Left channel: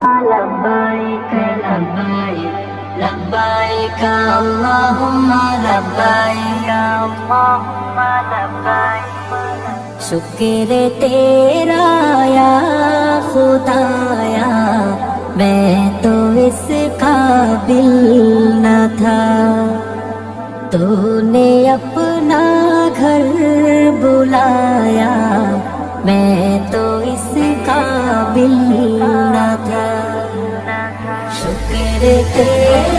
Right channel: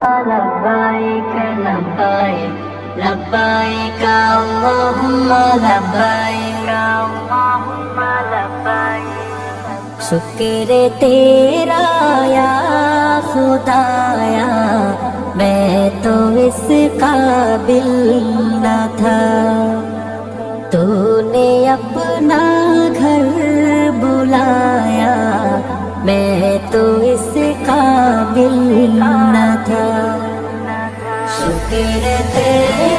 لبيك لبيك لبيك اللهم لبيك اللهم لبيك شکر تیرا یا خدایا میں تو اس قابل نہ تھا تو نے اپنا گھر بلایا میں تو اس قابل نہ تھا شکر تیرا